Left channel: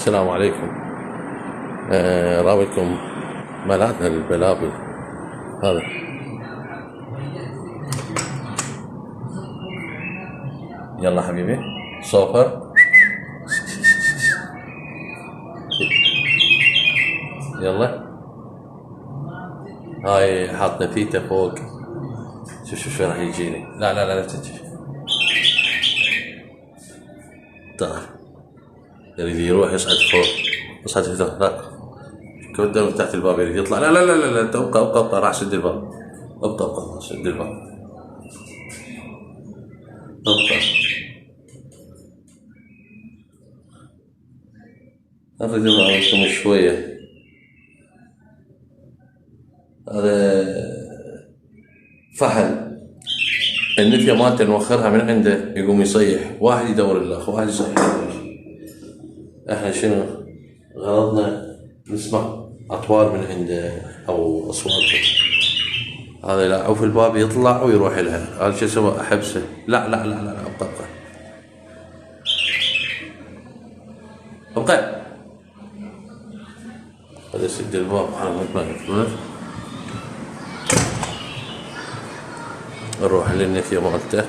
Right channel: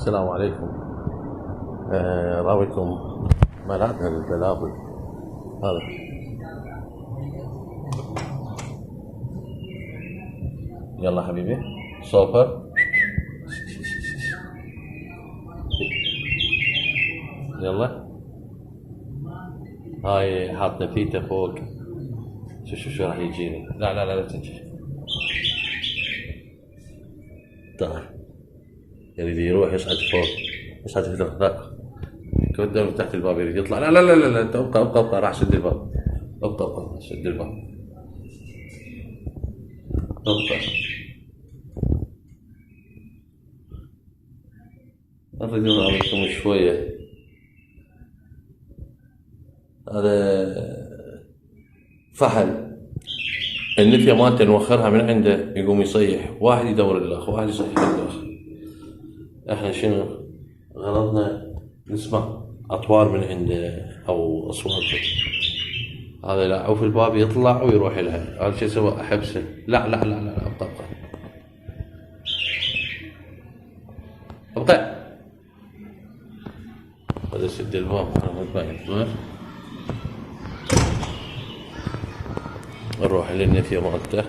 السلام عليكم. راويكم ملاذنا للبلابل. هذا يلا حبيبي صوفة. يلا هاي حاط نفيته فوق. شوف راح يجيني. لا تجي. تعال يريد يروح يصعد فوق. يصعد هناك قدام من تحت الباب يريد يطلع. لا انت ابقى راح سد الباب. ابقى سد الباب. ابقى اريد اعطيكم شوية. هذا فحل النفية مالته نوخرها من عنده يقوم يصيح، واحد يدور الاخ، واحد يصيح الاخ. احنا شنو غرضنا؟ نسمع اطوار من عنده او اصوات. هذا لا في الباب يطلع ويروح لها. هذا شو سوى؟ احبسه. لا ابقى هذا يسد الباب. انا ما يطلع. نروح للنفية مالته.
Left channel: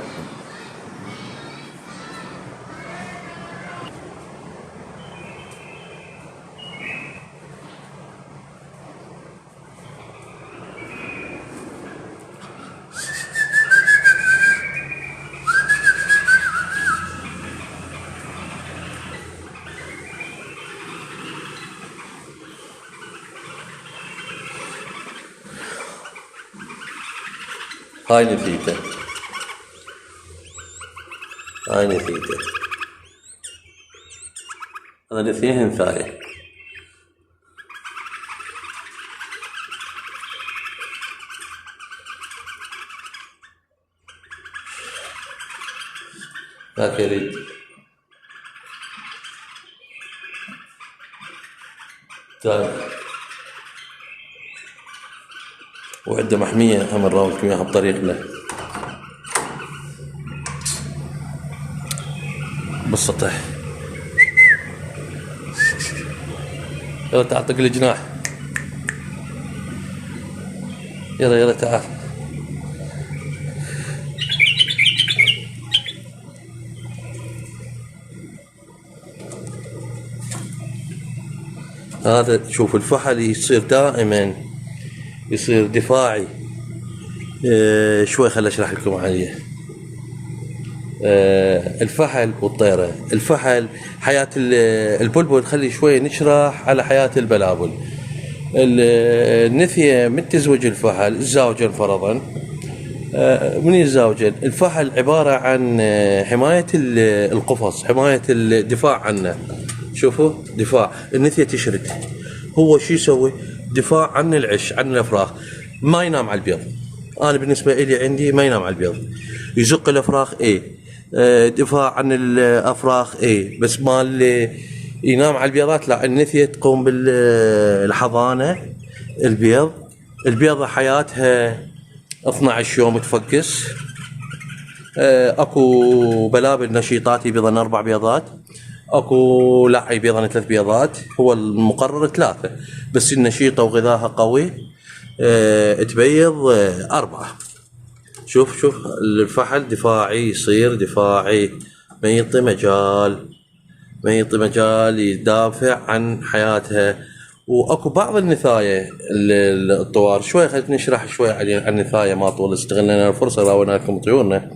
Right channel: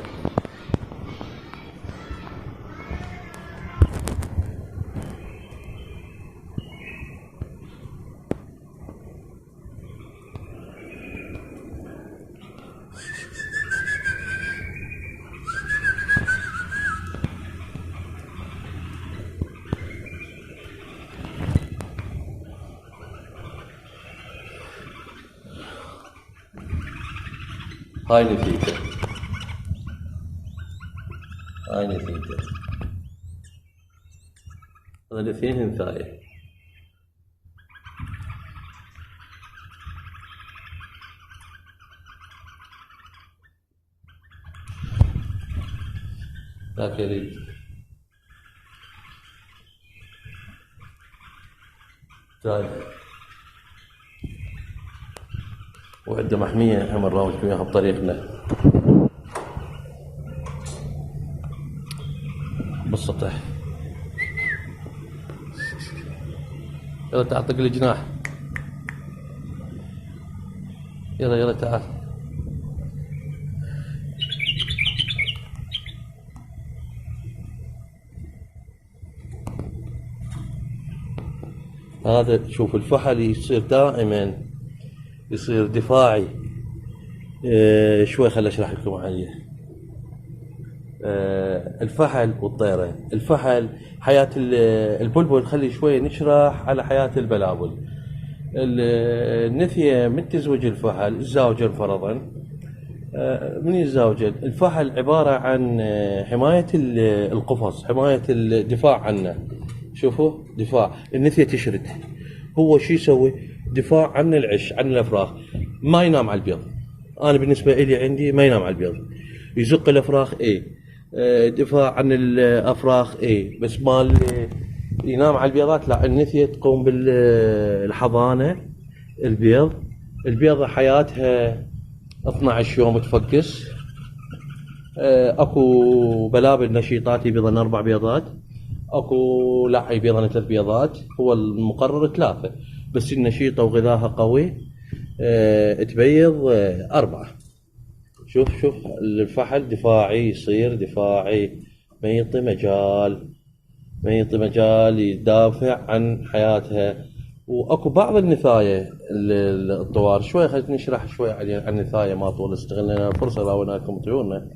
هاي نفيته. هذا نفيه ثاني. ذاك يريد ثاني. وعنده محمية هم نراويكم اياها بطريقنا بالسطح. يلا تعطيك الجناح. يلا تعال. هذا شوف الفحل يصير دائما يصير دفاعي. شوي خل اشرح لكم عليه. الفحل والطيرة. الفحل حياة البلبل. خلي شوي نشرح على حياة البلابل. النثية من تزوج الفحل الزاوجة فرضا. من الزاوجة الفحل عبارة عن حماية القفص، حماية الدفاع عنه. شوفوا دفاع. النثية تشرد. هو شو يسوي؟ دفاع عن العش، عن الافراخ. ما ينام على البيض. انا بالنسبة لي عندي ما ينام على البيض. يزق الافراخ دفاع عن الافراخ بس مال ينام على البيضات لا. النثية تقوم بالحضانة. البيضة حياتها 12 يوم تفقس. اكو بلابل نشيطات يبيضن 4 بيضات. اكو لا يبيضن 3 بيضات. هو المقرر 3 بس النشيطة وغذاها قوي تبيض 4. شوف الفحل دفاعي، يصير دفاعي. ما يعطي مجال يدافع عن حياتها. واكو بعض النثاية الطوار. شوي خلينا نشرح شوي عن النثاية ما طول. استغلنا الفرصة راوينا لكم طيورنا.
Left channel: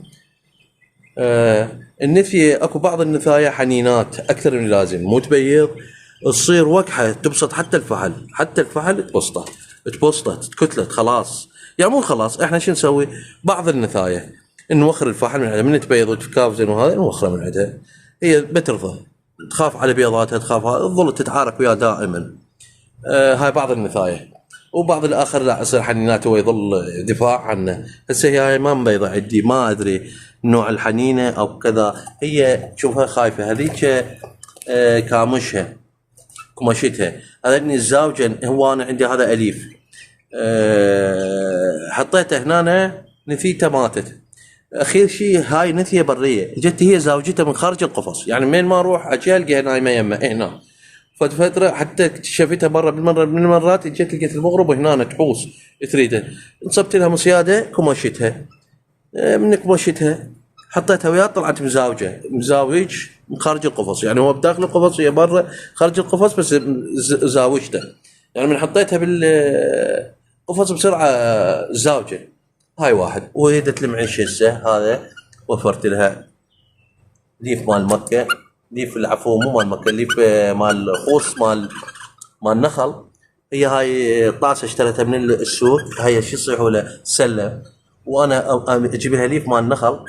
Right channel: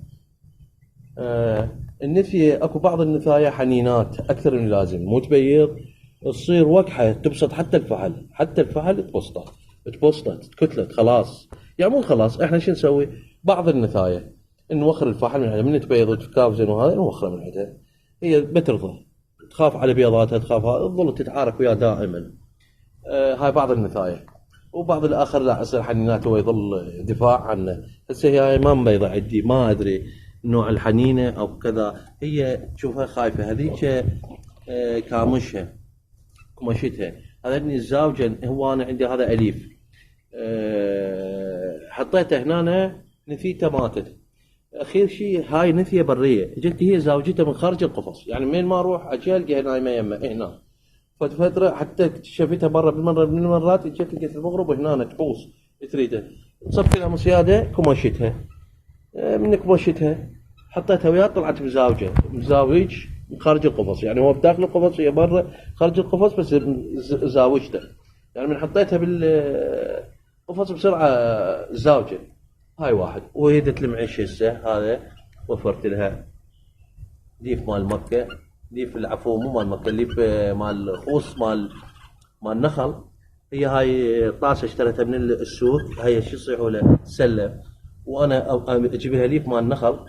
النثية اكو بعض النثاية حنينات اكثر من اللازم، مو تبيض تصير وكحة تبسط. حتى الفحل تبسطه تكتلت خلاص. يعني مو خلاص. احنا شو نسوي؟ بعض النثاية نوخر الفحل من عندها. من تبيض وتكافزن وهذا نوخره من عندها. هي بترضى، تخاف على بيضاتها، تخاف تظل تتعارك وياه دائما. هاي بعض النثاية. وبعض الاخر لا يصير حنينات هو يظل دفاع عنه. هسه هي ما مبيضة عندي، ما ادري نوع الحنينة او كذا. هي شوفها خايفة هذيك. كامشها كمشتها. هذا الزاوجة. هو انا عندي هذا اليف. حطيته هنا نثيته ماتت. اخير شيء هاي نثيه بريه. جت هي زوجته من خارج القفص. يعني من ما اروح اجي القاها نايمه يمه هنا. فترة حتى اكتشفتها مرة من المرات، اجت لقيت المغرب هنا تحوس تريده، نصبت لها مصيادة كمشتها، من كمشتها حطيتها وياه، طلعت مزاوجة مزاوج من خارج القفص، يعني هو بداخل القفص وهي برا خارج القفص، بس زاوجته، يعني من حطيتها بالقفص بسرعة زاوجة. هاي واحد. وهيدت المعيش هسه هذا وفرت لها ليف مال مكة، ليف العفو مو مال مكة، ليف مال خوص مال نخل. هي هاي طاسة اشتريتها من السوق، هي شو يصيحوا له سلة، وانا اجيب لها ليف مال نخل.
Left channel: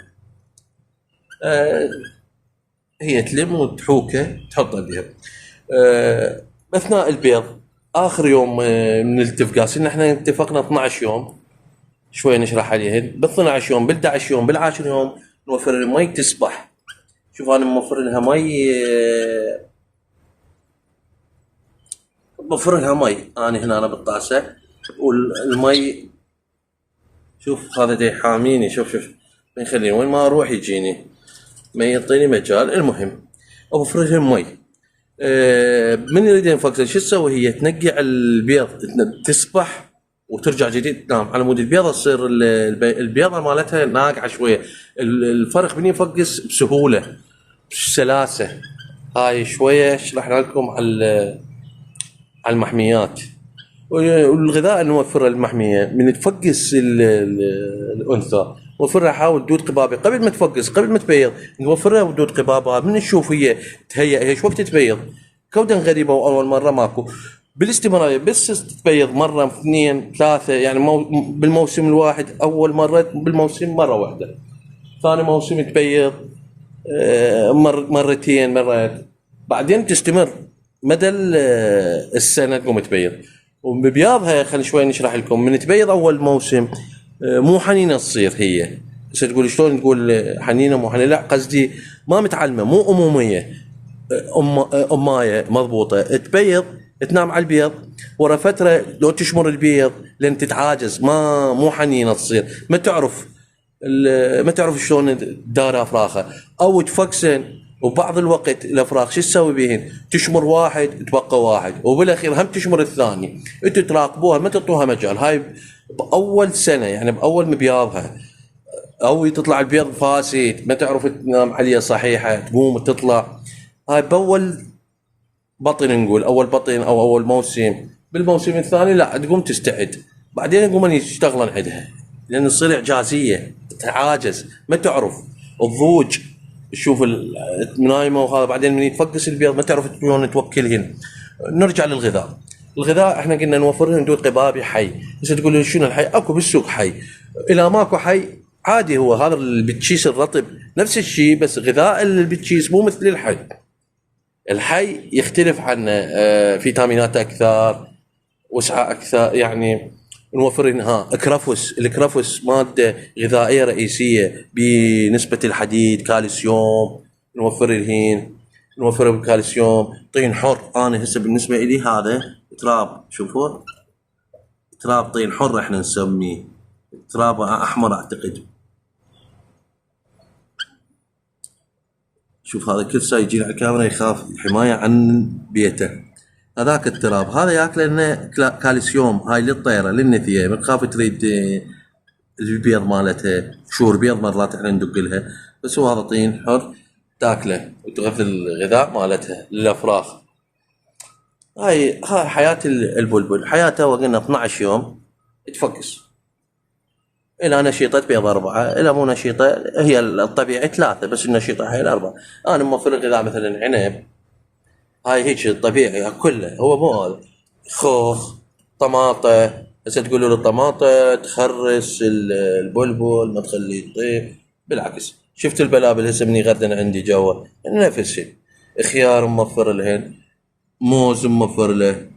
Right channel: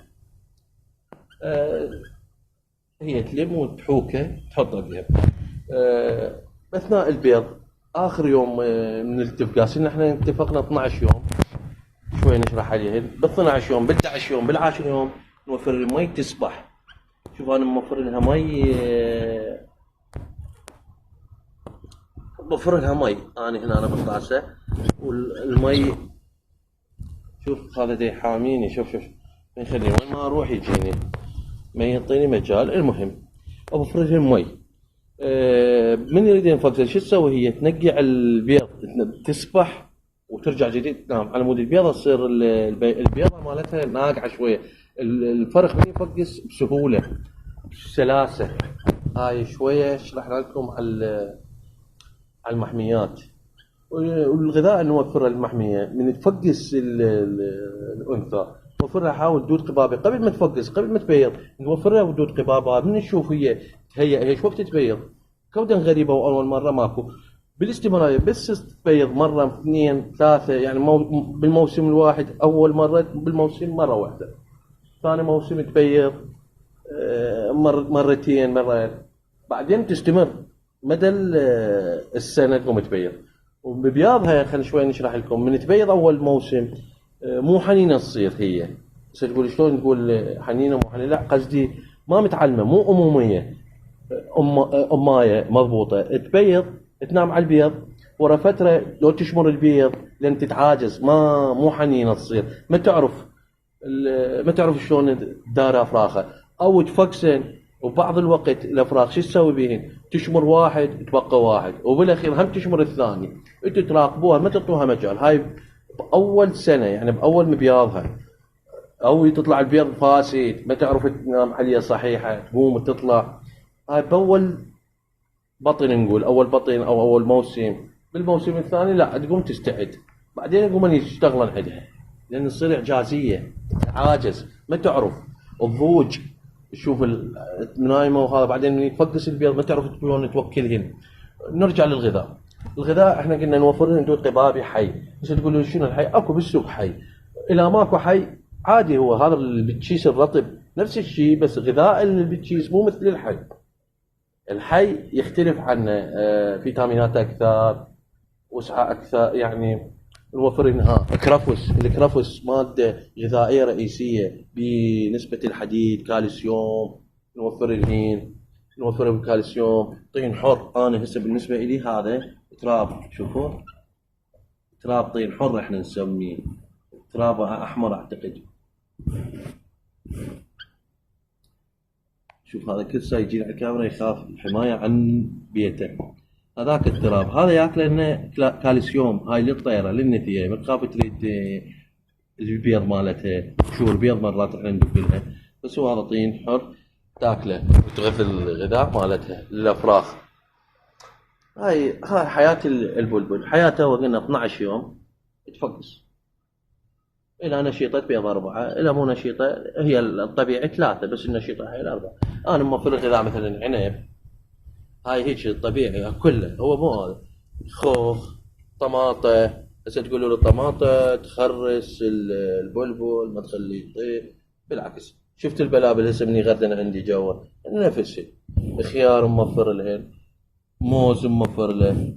هي تلم وتحوكه تحطه بيها. اثناء البيض اخر يوم من الاتفاق، احنا اتفقنا 12 يوم، شوي نشرح عليهن. بال 12 يوم، بال 11 يوم، بالعاشر يوم نوفر المي تسبح. شوف انا موفر لها مي، موفر لها مي انا هنا بالطاسه، والمي شوف هذا دي حاميني، شوف ما يخليني وين ما اروح يجيني، ما يعطيني مجال. المهم اوفر لها المي. من يريد ينفق شو تسوي؟ هي تنقع البيض تسبح وترجع جديد تنام، على مود البيضه تصير البيضه مالتها ناقعه شويه. الفرق من يفقس بسهوله بسلاسه. هاي شويه شرحنا لكم على المحميات والغذاء. نوفر المحميه من تفقس الانثى، نوفرها. حاول دود قبابه قبل ما تفقس، قبل ما تبيض نوفرها دود قبابه. من نشوف هي تهيأ هي شو وقت تبيض، كودا غريبه واول مره ماكو، بالاستمراريه بس تبيض مره اثنين ثلاثه، يعني بالموسم الواحد. اول مره بالموسم مره واحده، ثاني موسم تبيض مرتين مرات، بعدين تستمر مدى السنه تقوم تبيض. وببياضها خلينا شوي نشرح لكم. من تبيض اول موسم مو حنينه تصير هي. هسه تقول شلون نقول حنينه مو حنينه؟ لا قصدي ما متعلمه، مو اموميه، امايه مضبوطه. تبيض تنام على البيض، ورا فتره لو تشمر البيض لين تتعاجز، مو حنينه تصير، ما تعرف شلون تدار افراخها او تفكسن. وبعض الوقت الافراخ شو تسوي بيهن؟ تشمر واحد تبقى واحد، وبالاخير هم تشمر الثاني. انتوا تراقبوها ما تعطوها مجال. هاي باول سنه، يعني باول مبياضها، او تطلع البيض فاسد ما تعرف تنام عليه صحيحه، تقوم تطلع. هاي باول بطن نقول، اول بطن او اول موسم. بالموسم الثاني لا تقوم تستعد، بعدين يقومون يشتغلون عندها، لان تصير اعجازيه تتعاجز ما تعرف الضوج. تشوف نايمه وهذا، بعدين من يتفقس البيض ما تعرف شلون توكلهن. نرجع للغذاء. الغذاء احنا قلنا نوفر لهم دود قبابي حي. بس تقول لي شنو الحي؟ اكو بالسوق حي. اذا ماكو حي عادي، هو هذا البتشيس الرطب نفس الشيء، بس غذاء البتشيس مو مثل الحي. الحي يختلف عن فيتامينات اكثر، وسعه اكثر، يعني نوفر لها اكرفس. الكرفس ماده غذائيه رئيسيه بنسبه الحديد، كالسيوم. نوفر لهين، نوفر بالكالسيوم. طين حر، انا هسه بالنسبه لي هذا تراب، شوفوا تراب طين حر احنا نسميه، تراب احمر اعتقد. شوف هذا كل ساعه يجي على الكاميرا يخاف، حمايه عن بيته. هذاك التراب هذا ياكل لنا كالسيوم. هاي للطيره للنثيه، ما تخاف تريد البيض مالتها، شور بيض مرات احنا ندق لها، بس هو هذا طين حر تاكله وتغذي الغذاء مالتها للافراخ. هاي حياه البلبل. حياته وقلنا 12 يوم تفقس. إلى نشيطة بيض 4، إلى مو نشيطة هي الطبيعي 3، بس النشيطة هي 4. أنا موفر الغذاء مثلا عنب، هاي هيك الطبيعي كله، هو مو هذا. خوخ، طماطة. هسه تقول له الطماطة تخرس البلبل ما تخليه يطيب، بالعكس. شفت البلابل هسه مني غردن عندي جوا نفس الشيء. خيار موفر لهن، موز موفر له،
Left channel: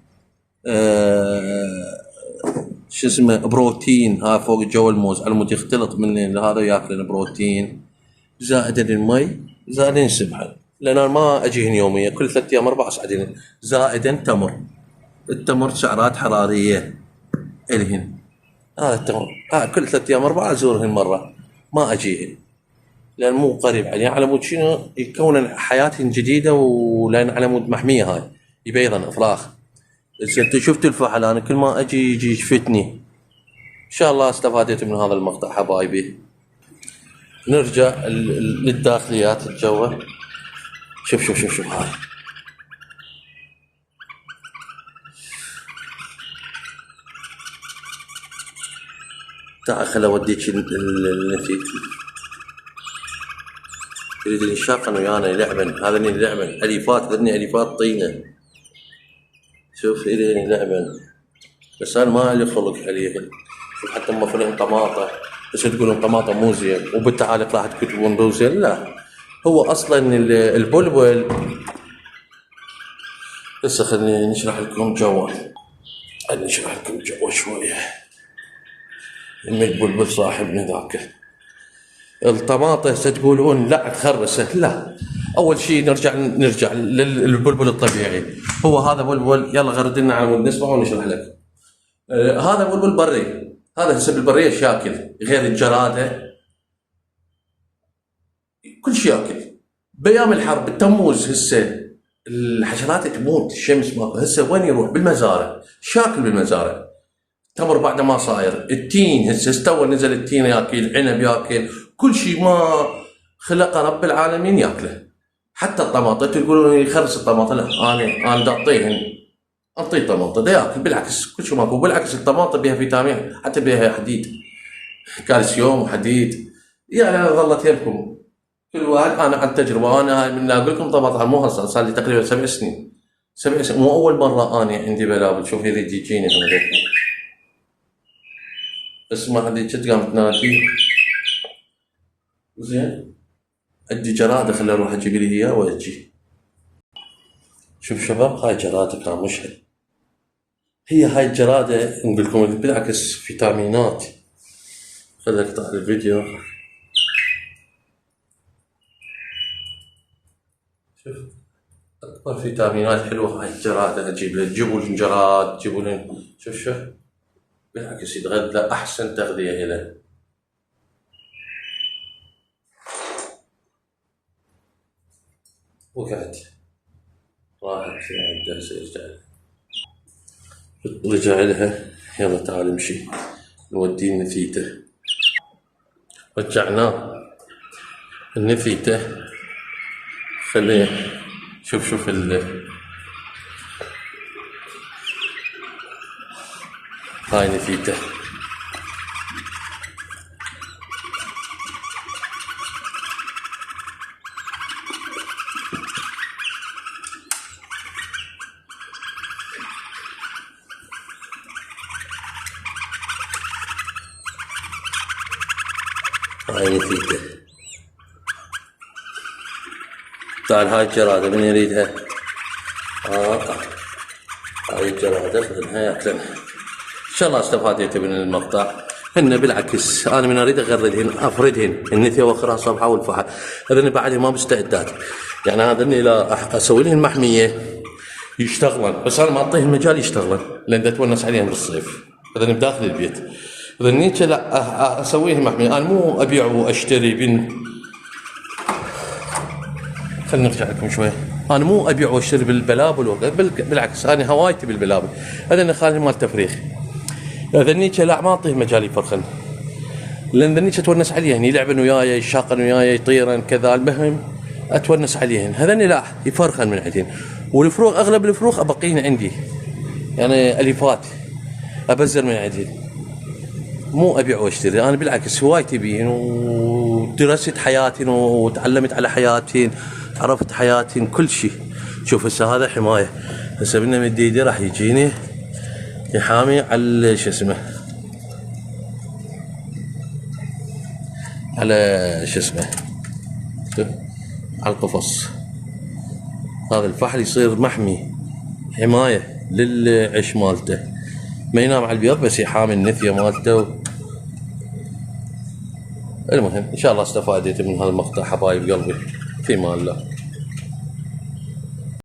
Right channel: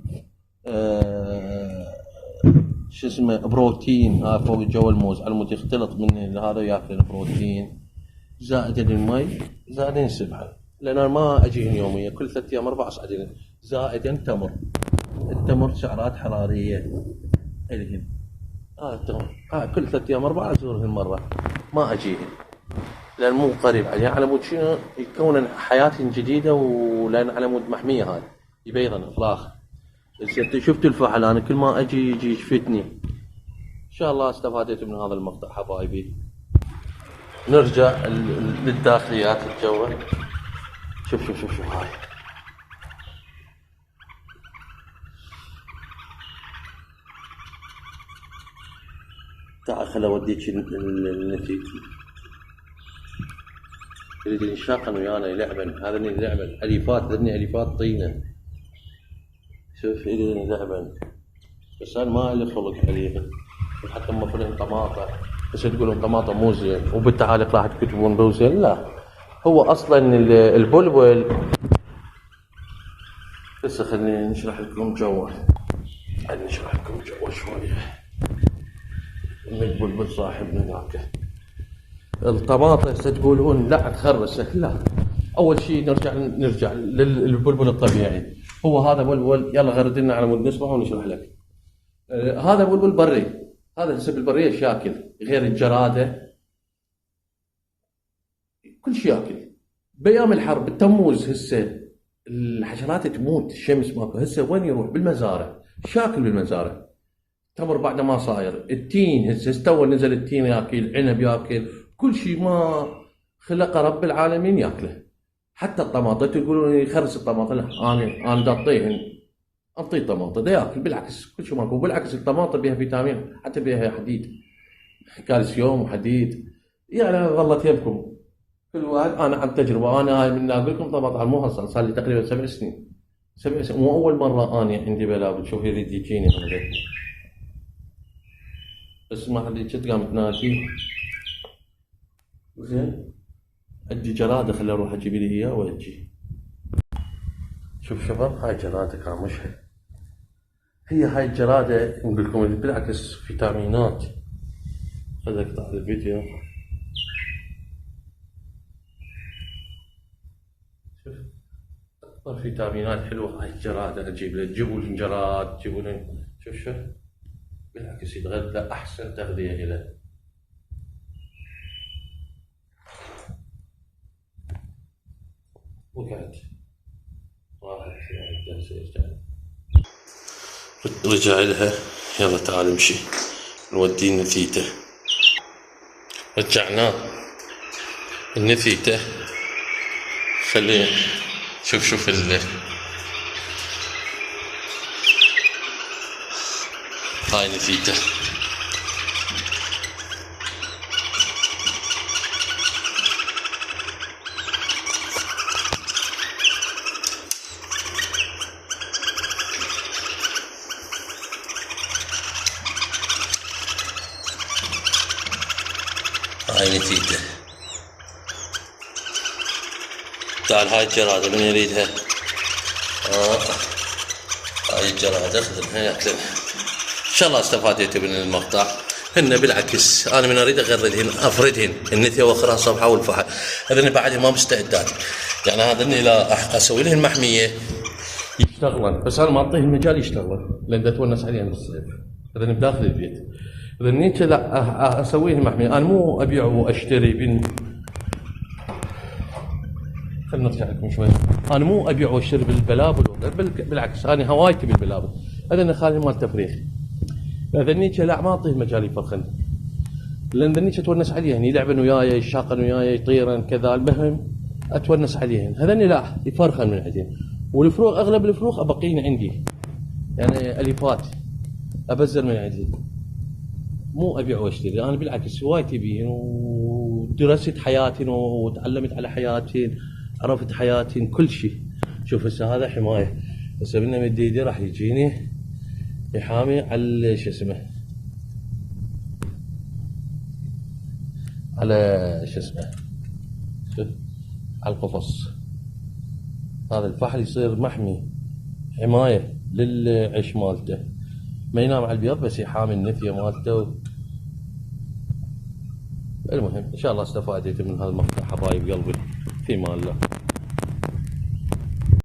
شو اسمه بروتين. ها فوق جو الموز على مود يختلط من هذا ياكل بروتين. زائد المي، زائد السبحه، لان انا ما اجيهن يوميا، كل 3 ايام 4 اسعدين. زائدا تمر. التمر سعرات حراريه الهن. هذا التمر كل 3 ايام 4 ازورهن مره، ما اجيهن لان مو قريب عليه، على مود شنو يكون حياتهن جديده، ولان على مود محميه هاي يبيضن افراخ. هسه انت شفت الفحل، انا كل ما اجي يجي يشفتني. ان شاء الله استفاديت من هذا المقطع حبايبي. نرجع للداخليات الجوه. شوف شوف شوف شوف هاي. تعال خل اوديك النتيجة. يريد ينشاقن ويانا يلعبن، هذا اللي يلعبن اليفات، هذني اليفات طينه. شوف إلي يلعبن، بس انا ما لي خلق عليهم. شوف حتى اما فيلم طماطه، بس تقولون طماطه مو زين وبالتعاليق راح تكتبون مو زين، لا هو اصلا البلبل. هسه خليني نشرح لكم جوا، نشرح لكم جوا شويه. البلبل صاحبنا ذاك. الطماطه هسه تقولون لا تخرست، لا. اول شيء نرجع للبلبل الطبيعي. هو هذا بلبل، يلا غرد لنا على مود نسمع ونشرح لك. هذا بلبل بري، هذا هسه بالبريه شاكل، غير الجراده كل شيء ياكل. بايام الحرب بالتموز هسه الحشرات تموت، الشمس ماكو، هسه وين يروح؟ بالمزارع، شاكل بالمزارع. تمر بعد ما صاير التين، هسه استوى نزل التين ياكل، عنب ياكل، كل شيء ما خلقه رب العالمين ياكله. حتى الطماطه تقولون يخرس الطماطه، لا انا دا اعطيهن، اعطيه طماطه دا ياكل، بالعكس كل شيء ماكو. بالعكس الطماطه بها فيتامين، حتى بها حديد، كالسيوم وحديد. يعني انا ظلت يمكم كل واحد، انا عن تجربه، انا هاي من اقول لكم طبعا مو هسه صار لي تقريبا 7 سنين. 7 سنين مو اول مره انا عندي بلابل. شوف يريد يجيني هذا، بس ما حد يجي قام تنادي. زين عندي جراده، خليني اروح اجيب لي اياه واجي. شوف شباب، هاي جراده كان مشهد. هاي الجراده نقول لكم بالعكس فيتامينات. خليني اقطع الفيديو. شوف اكبر فيتامينات حلوه هاي الجراده. اجيب له، جيبوا لي جراد، جيبوا لي. شوف شوف بالعكس يتغذى، احسن تغذيه له. وقعت راحت عنده، سيرجع رجع لها. يلا تعال امشي نوديه النثيته. رجعناه النثيته. خليه شوف هاي نثيته. هاي نثيته. تعال هاي الجرادة من يريدها؟ هاي الجرادة خذنها ياكلنها. ان شاء الله استفاديتوا من المقطع. هن بالعكس انا من اريد اغردهن افردهن النثيه واخرها صبحه والفحل. هذني بعد ما مستعدات، يعني هذني لا اسوي لهن محميه يشتغلن، بس انا ما اعطيهم مجال يشتغلن لان اتونس عليهم بالصيف. هذني بداخل البيت. هذنيك لا اسوي لهم محميه، انا مو ابيع واشتري بين. خلينا نرجع لكم شوي. انا مو ابيع واشتري بالبلابل، بالعكس انا هوايتي بالبلابل. هذني خالي مال تفريخ. هذنيك لا ما اعطيه مجال يفرخن، لان ذنيك اتونس عليهن، يلعبن وياي، يشاقن وياي، يطيرن كذا. المهم اتونس عليهن. هذني لا يفرخن من عندهن. والفروخ اغلب الفروخ ابقين عندي، يعني اليفات ابزر من عندهن، مو ابيع واشتري. انا بالعكس هوايتي بيهن، ودرست حياتي وتعلمت على حياتي، عرفت حياتي كل شيء. شوف هسه هذا حمايه، هسه من ايدي راح يجيني يحامي على شو اسمه، على شو اسمه، على القفص. هذا الفحل يصير محمي، حمايه للعش مالته، ما ينام على البيض بس يحامي النثيه مالته. المهم ان شاء الله استفاديت من هذا المقطع حبايب قلبي، في امان الله.